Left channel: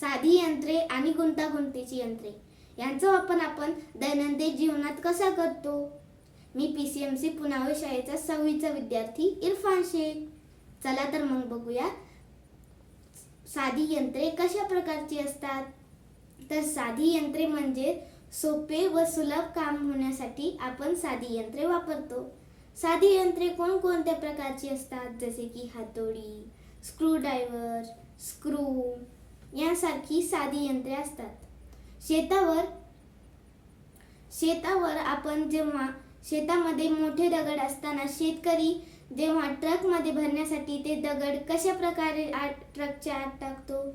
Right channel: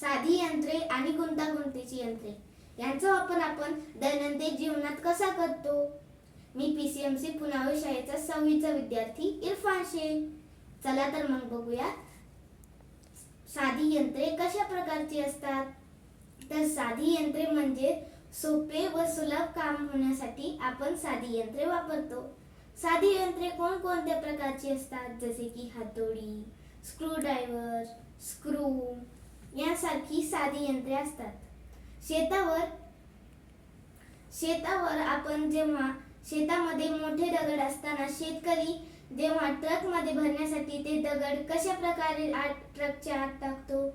साधी यंत्रे आणि गुंतागुंतीची यंत्रे यांचा वापर आपण दैनंदिन जीवनात कसा करतो? मी PCMC पुनावळे शाळेचा 6वीचा विद्यार्थी इरफान शेख. चला तर मग बघूया साधी यंत्रे कशा प्रकारची असतात. तर साधी यंत्रे म्हणजे सोपे व सुलभ काम होण्यासाठी आपण साधी यंत्रे वापरतो. साधी यंत्रे कोणकोणत्या प्रकारची असतात? जसे की हातोडी, स्क्रूड्रायव्हर, स्क्रू यासारखी साधी यंत्रे असतात. शेतावर आपण जेव्हा शेतामध्ये मोठे दगड असताना शेतकरी जेव्हा ट्रकमध्ये भरण्यासाठी ते दगड कशा प्रकारे ट्रकच्या आत टाकतो,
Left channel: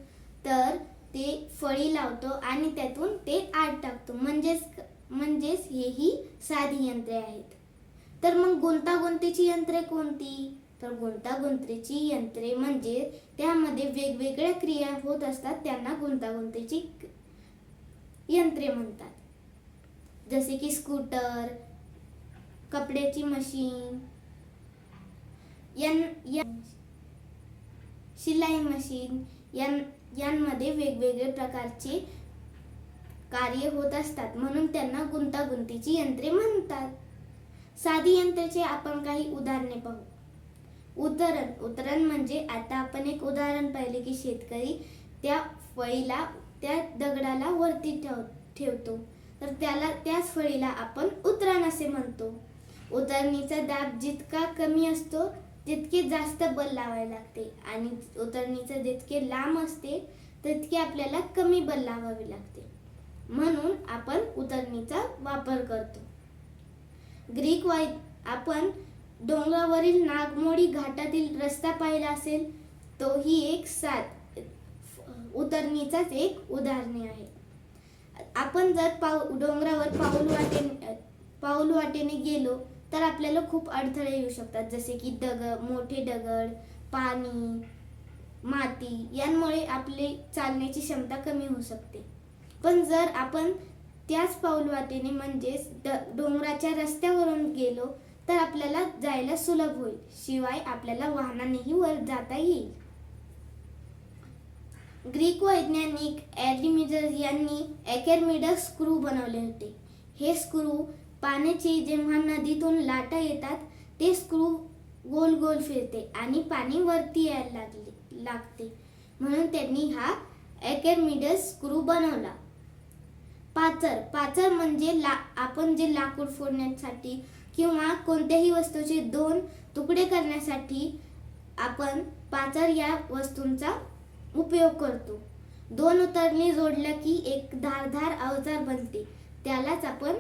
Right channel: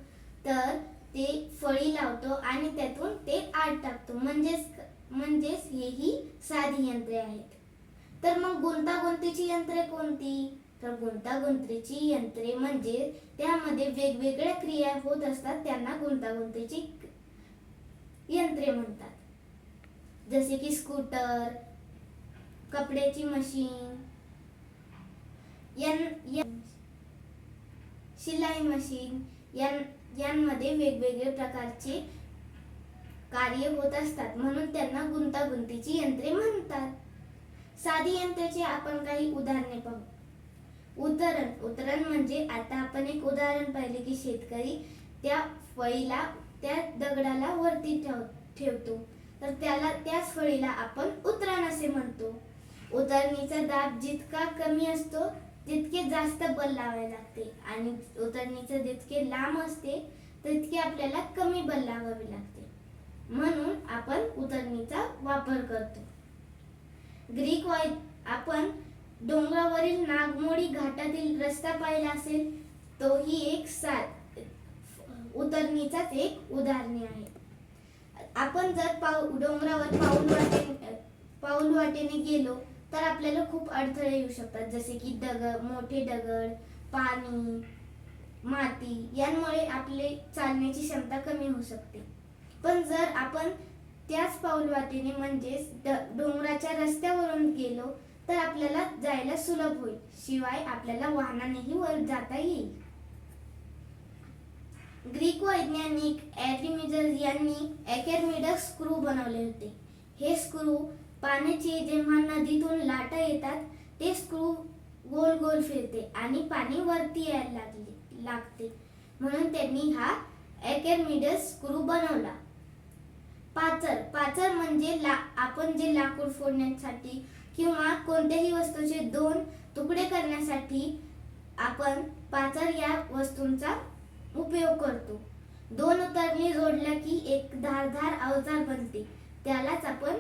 तर ते फळी लावतो आणि त्यातून ते आत टाकतो. म्हणजेच हेही साधी यंत्रे आहेत. तर मग गुंतागुंतीची यंत्रे कोणती? तर गुंतागुंतीची यंत्रे म्हणजे त्यामध्ये वेगवेगळ्या क्रिया होत असतात, त्यांना गुंतागुंतीची यंत्रे म्हणतात. जसे की स्कूटर, कपड्याची मशीन, शिलाई मशीन यांमध्ये वेगवेगळे प्रकारचे कार्य होत असतात, म्हणून त्यांना गुंतागुंतीची यंत्रे म्हणतात. साधी यंत्रेचे आपण काही उदाहरणे पाहू. उदाहरण म्हणजे आता आपण एक उदाहरण पाहिले की शेतकरी त्या फळीला त्या दगडाला वरती ठेवतो, तर त्याच फळीला आपण उतरण असे म्हणतो. उतरणीचा दाब जितका कमी असतो तितके जास्त बल लावावे लागते आणि उतरणीचे जितके लांब असते तितके आपल्याला कमी बल लावावे लागते, म्हणून आपण उतरणीचा वापर करतो. आपण डोंगरावरील नागमोडी घाटातील रस्ता पाहिला असेल, तोही एक उतरणीचाच एक उदाहरणे आहे. आपण जर डोंगरावर पाऊल वाटेने गेलो तर आपल्याला खूप अडथळे येऊ शकतात, जसे की मोठे दगड, पाणी, माती यांमुळे आपले चालण्याची क्षमता कमी होऊ शकते. पण जर आपण त्याच पाऊल वाटेने म्हणजेच डोंगराच्या रस्त्यावरून गेलो तर आपल्याला जायला सुलभ होईल, शिवाय आपल्याला वाहनानेही वर जाता येईल. ग्रीक वैज्ञानिक आर्किमिडीज यांनी आर्किमिडीज स्क्रू बनवले होते. हे स्क्रू पाण्याची जेव्हा नदीतून लाटा येतात ते स्क्रू गोल गोल फिरते आणि पाणी वरती यायला लागते, म्हणून त्यांनी हा आर्किमिडीज स्क्रू बनवला. पाचर म्हणजे आपण जे लाकूड फोडण्यासाठी किंवा कोणत्याही वस्तूचे 2 तुकडे करण्यासाठी आपण पाचर या वस्तूंचा उपयोग करतो. 2 उतरणी जोडल्या की एक धारदार अवजार बनते, त्यालाच आपण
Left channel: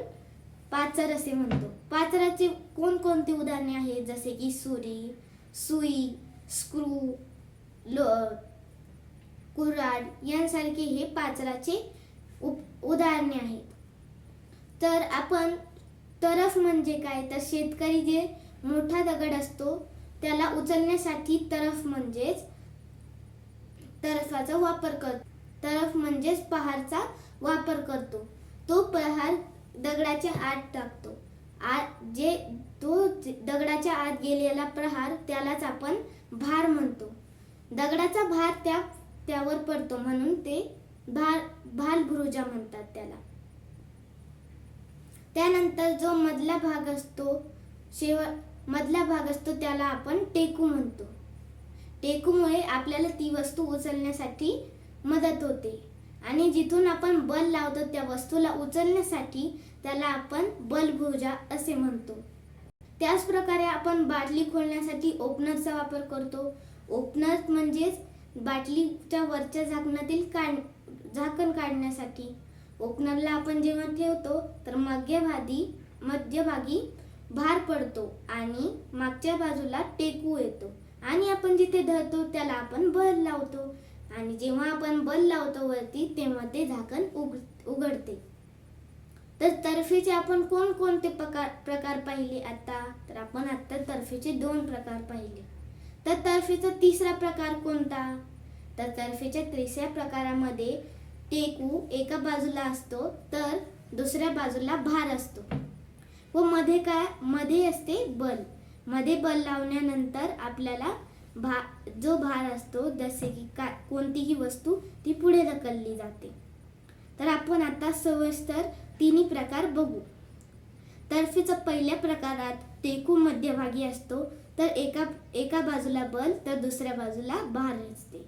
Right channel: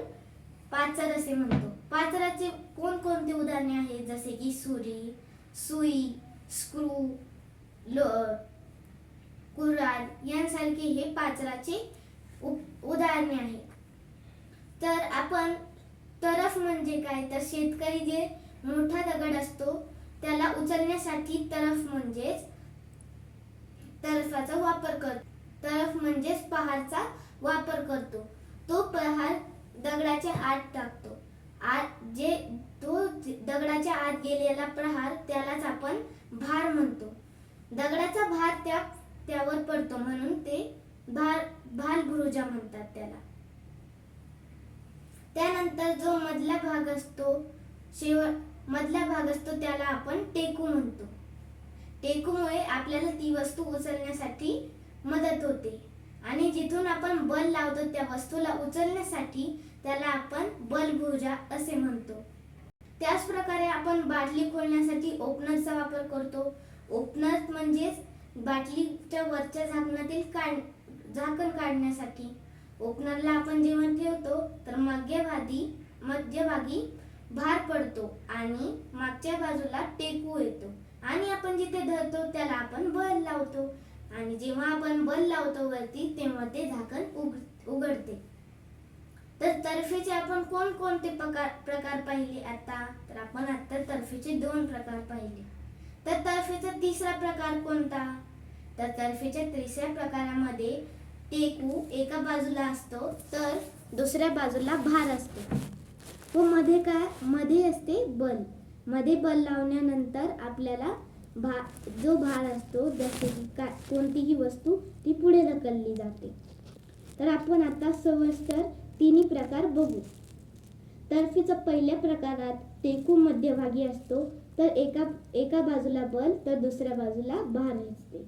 पाचर असे म्हणतो. पाचराची कोणकोणती उदाहरणे आहेत? जसे की सुई, स्क्रू, कुऱ्हाड यांसारखे हे पाचराचे उदाहरणे आहेत. तर आपण तरफ म्हणजे काय? तर शेतकरी जे मोठा दगड असतो त्याला उचलण्यासाठी तरफाचा वापर करतो. तरफ म्हणजेच पहारचा वापर करतो. तो पहार दगडाच्या आत टाकतो. तो दगडाच्या आत गेलेला प्रहार त्यालाच आपण भार म्हणतो. दगडाचा भार त्यावर पडतो, म्हणून ते भालभुरुजा म्हणतात त्याला. त्यानंतर जो मधला भाग असतो त्याला आपण टेकू म्हणतो. टेकूमुळे आपल्याला ती वस्तू उचलण्यासाठी मदत होते आणि जिथून आपण बल लावतो त्या वस्तूला उचलण्यासाठी त्याला आपण बलभुजा असे म्हणतो. त्याच प्रकारे आपण बाटली खोलण्यासाठी ओपनरचा वापर करतो. ओपनर म्हणजेच बाटलीच्या वरच्या झाकणातील झाकण काढण्यासाठी. ओपनरला आपण जेव्हा ठेवतो तर मध्यभागी भार पडतो आणि मागच्या बाजूला टेकू येतो आणि आपण जिथे धरतो त्याला आपण बल लावतो आणि जेव्हा आपण बल लावतो वरती तेव्हा ते झाकण उघडते. तर तर्फेचे आपण कोणकोणते प्रकार पाहिले आता? तर आपण आता तर्फेचे 2 प्रकार पाहिले. तर तर्फेचा 3रा प्रकार कोणता? तर तर्फेच्या 3ऱ्या प्रकारामध्ये टेकू एका बाजूला असतो तर दुसऱ्या बाजूला भार असतो व मध्ये असते बल. मध्ये बल लावल्यानंतर आपल्याला जो भार असतो, जसे की कोणतीही वस्तू ती पुढे ढकलली उचलली जाते. तर आपण आता सविस्तर तिन्ही प्रकार बघू. तर्फेचा पहिल्या प्रकारात टेकू मध्यभागी असतो, तर एका बाजूला बल तर दुसऱ्या बाजूला भार असते.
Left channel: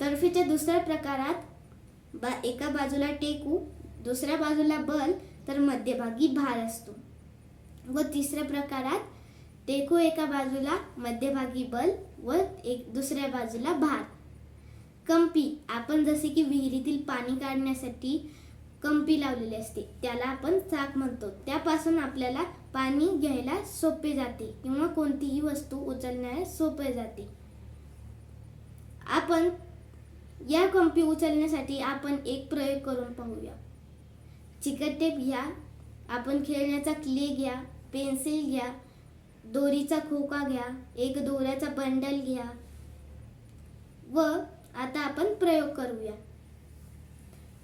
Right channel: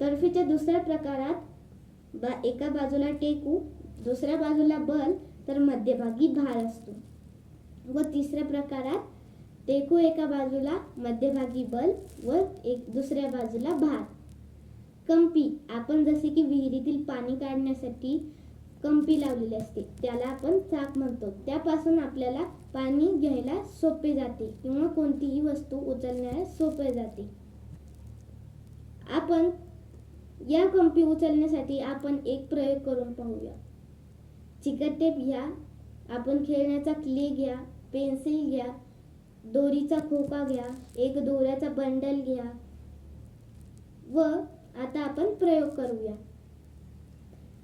तर्फेच्या दुसऱ्या प्रकारात एका बाजूला टेकू, दुसऱ्या बाजूला बल तर मध्यभागी भार असतो. व तिसऱ्या प्रकारात टेकू एका बाजूला, मध्यभागी बल व दुसऱ्या बाजूला भार. कंपी, आपण जसे की विहिरीतील पाणी काढण्यासाठी कंपी लावलेली असते, त्याला आपण चाक म्हणतो. त्यापासून आपल्याला पाणी घ्यायला सोपे जाते किंवा कोणतीही वस्तू उचलण्यास सोपे जाते. आपण या कंपी उचलण्यासाठी आपण एक प्रयोग करून पाहूया. चिकट टेप घ्या, आपण खेळण्याचा क्ले घ्या, पेन्सिल घ्या, दोरीचा खोका घ्या, एक दोऱ्याचा बंडल घ्या व आता आपण प्रयोग करूया.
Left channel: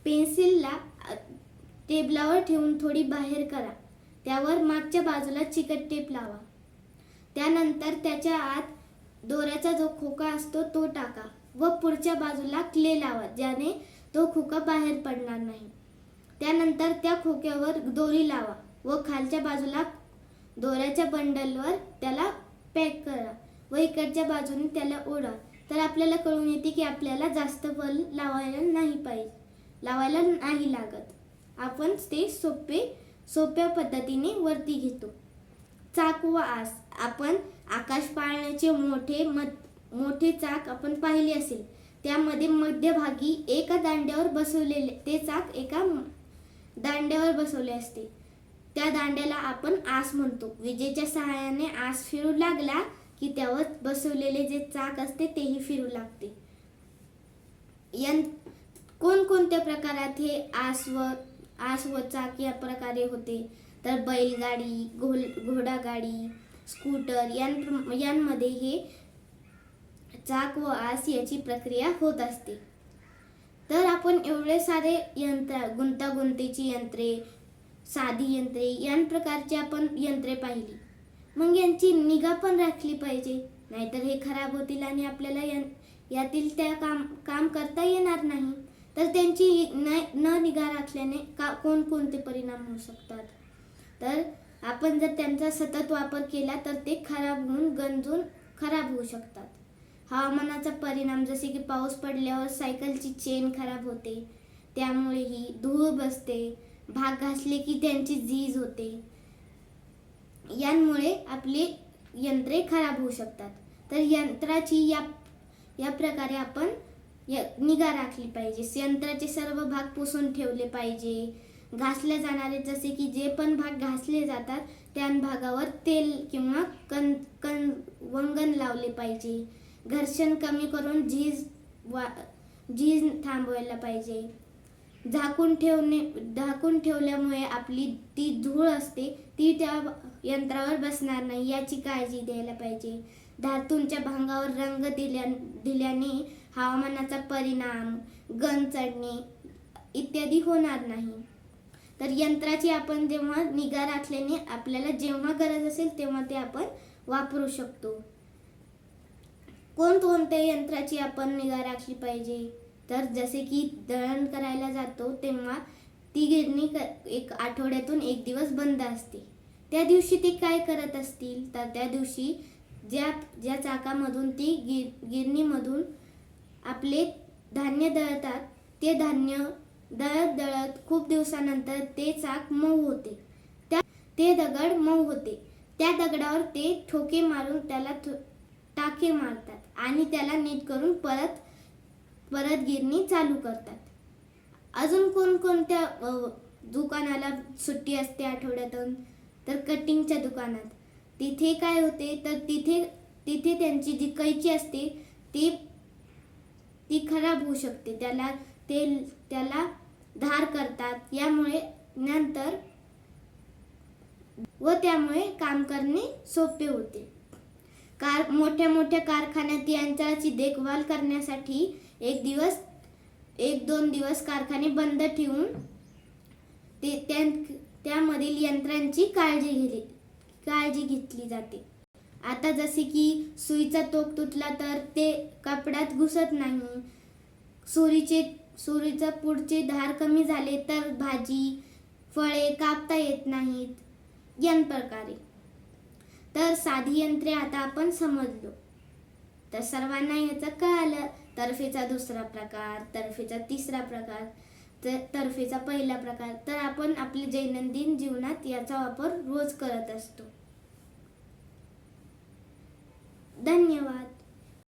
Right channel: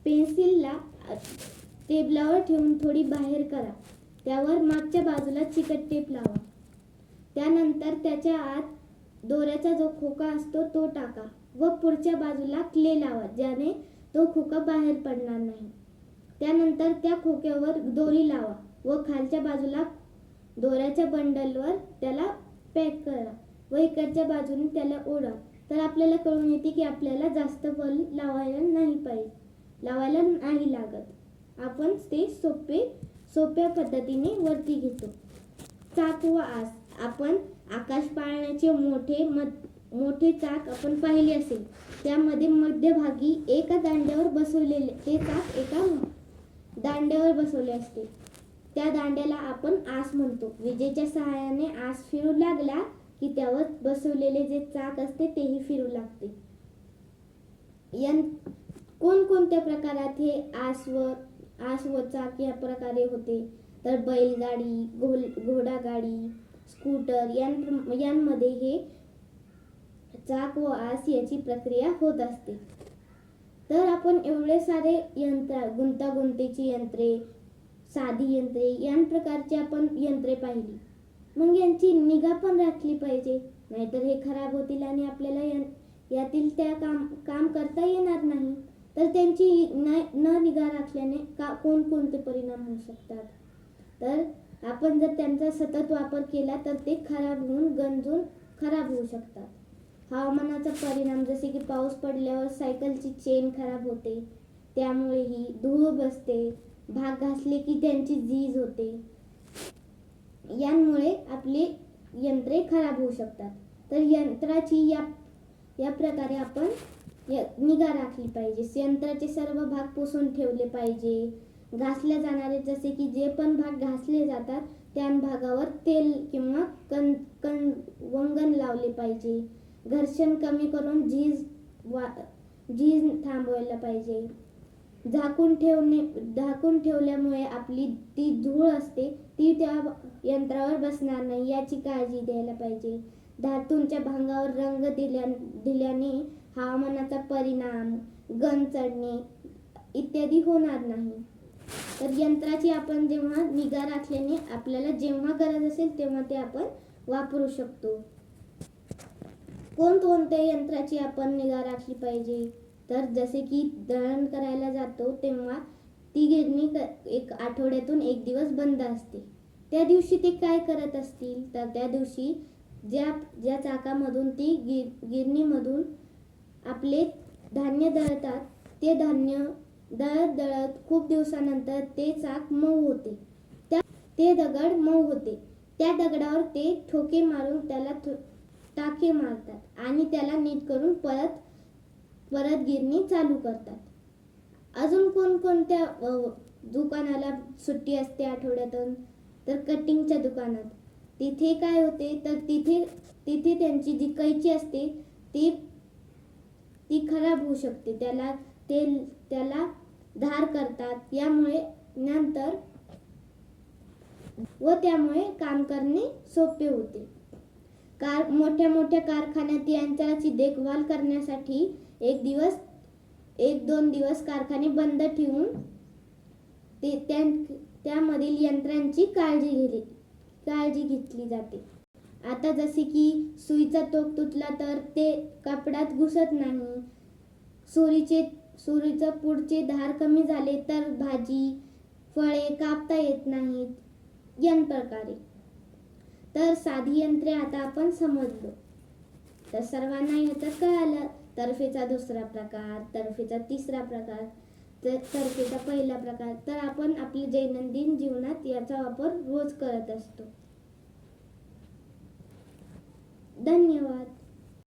पेन्सिलला टेबलावर ठेवून थोडी बाहेर करा. त्यावर मागच्या बाजूला चिकट टेप लावा. त्यानंतर त्याच्या आत दोऱ्याचा जो खोका असतो तो टाका व पुढच्या बाजूला क्ले लावा, ज्याने तो खोका बाहेर पडणार नाही. त्यानंतर त्या खोक्यावर दोरी लावा व खालच्या बाजूला दोऱ्याच्या बंडलवर त्याला पॅक करा व इकडच्या बाजूने त्याला ओढा. तर आपल्याला कळून येते की आपल्याला जास्त बल लावायला नाही लागत. आपण ते सोप्या पद्धतीने वरती घेतो. चाक व आस, आपण आकाश पाळण्याचे मोठे चाक आपण पाहिले असेल. त्यामध्ये मध्यभागी एका दांड्यावर बसवलेले ते चाक एका दांड्यावर बसवले असते. त्या दांड्याला आपण आस म्हणतो. विजेच्या सहाय्याने आस फिरू लागला की त्यावर बसवलेले जे चाक असते तेही फिरू लागते. कोणकोणत्या प्रकारात हे आस व चाक या प्रकारे होते, तर बैलगाडी, घोडागाडी, स्कूटर यांमध्ये हे चाक व आस याची प्रक्रिया होत असते. तर आपण एवढे सारे गुंतागुंतीची यंत्रे, साधी यंत्रे या प्रकारची आपण यंत्रे पाहिली. मग यांची निगा पण राखली पाहिजे, नाहीतर हे खराब होतील आणि आपल्याला यातील त्या काम करता येणार नाही. तर त्यांची न निगा राखल्याने कोणकोणते परिणाम होऊ शकतात. तर आपण जर त्यांचा सतत वापर केला तर ते खराब होऊन गंजून खराब होऊ शकतात. हवामानाचा परिणाम, जसे की पाऊस पडल्यावर सायकलची चेन खराब होते, त्यामुळेही धूळ बसते, भाग घासले की त्यांची झीज होते. यांमुळे आपली यंत्रे खराब होऊ शकतात. तर यंत्राची या प्रकारे आपण निगा राखली पाहिजे. यंत्राचे सर्व भाग पुसून ठेवले पाहिजे. घासले जाणारे, जसे की जे पण भाग घासले जातात त्या भागावर तेल किंवा वंगण लावले पाहिजे. घर्षण कमी करून झीज थांबवायला पाहिजे. झाकून ठेवल्यामुळे आपली ती धूळ असते ती त्या यंत्रावर बसणार नाही याची काळजी द्यायला पाहिजे. धातूंच्या भांगावर रंग दिल्याने हवामानाचा परिणाम, गंज चढणे इत्यादी होणार नाही. तर यंत्राची आपण जेव्हा निगा राखल्याने आपल्याला जेव्हा गरज असेल तेव्हा ते आपण वापरू शकतो. कोणकोणत्या यंत्राची आपण निगा राखली पाहिजे, तर जसे की दळण करायला जातो तेव्हा ती गिरणी एक आठवड्यातून एक दिवस बंद असते. त्या दिवशी ते काय करत असतील, तर त्या दिवशी ज्या चाकामधून ती गिरणीमधून आपले धान्य दळतात, ते धान्य दळत खूप दिवसानंतर ते चाक मऊ होते. ते दगड मऊ होते. त्या दगडावर ते ठोके मारून त्याला टाके मारतात आणि त्याला नीट करून परत गिरणी चालू करतात. अजून कोणकोणत्या दुकानाला सुट्टी असते आठवड्यातून, तर कटिंगच्या दुकानात. तिथे काय होते, तर तिथे त्यांची जी कैची असते ती खराब होऊ शकते. त्याला धार करतात, त्यामुळे काम करणे सोपे होते. मोठ्या कारखान्यात यंत्राची देखभाल करण्यासाठी एक दोन दिवस कारखाने बंद ठेवून त्यामधील यंत्रांची काळजी घेतली जाते. आता जसे की सुईचा तोक तुटला तर ते कपड्यात घुसत नाही. सुरीचं पुढचे धार कमी झाले तर भाजी फळे कापता येत नाहीत या प्रकारे. तर साधी यंत्रे आता आपण समजलो. तर सर्वांना याचं कळालं. तर्फेचा दुसरा प्रकार, तर्फेचा तिसरा प्रकार, तर्फेचा पहिला प्रकार. तर आपण आपल्या दैनंदिन जीवनात याचा वापर रोज करत असतो. धन्यवाद.